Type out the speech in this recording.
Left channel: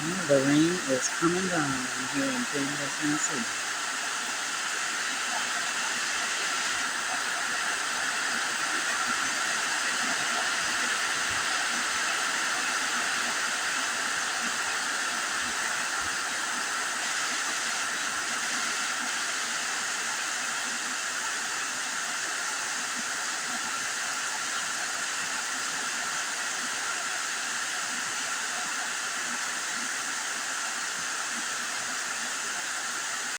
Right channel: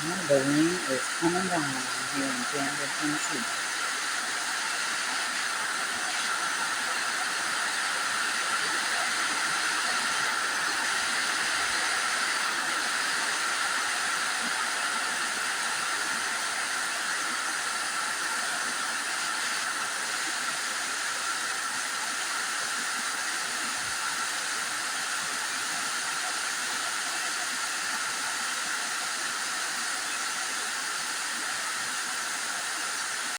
The rain is coming down here in Danville, Tennessee.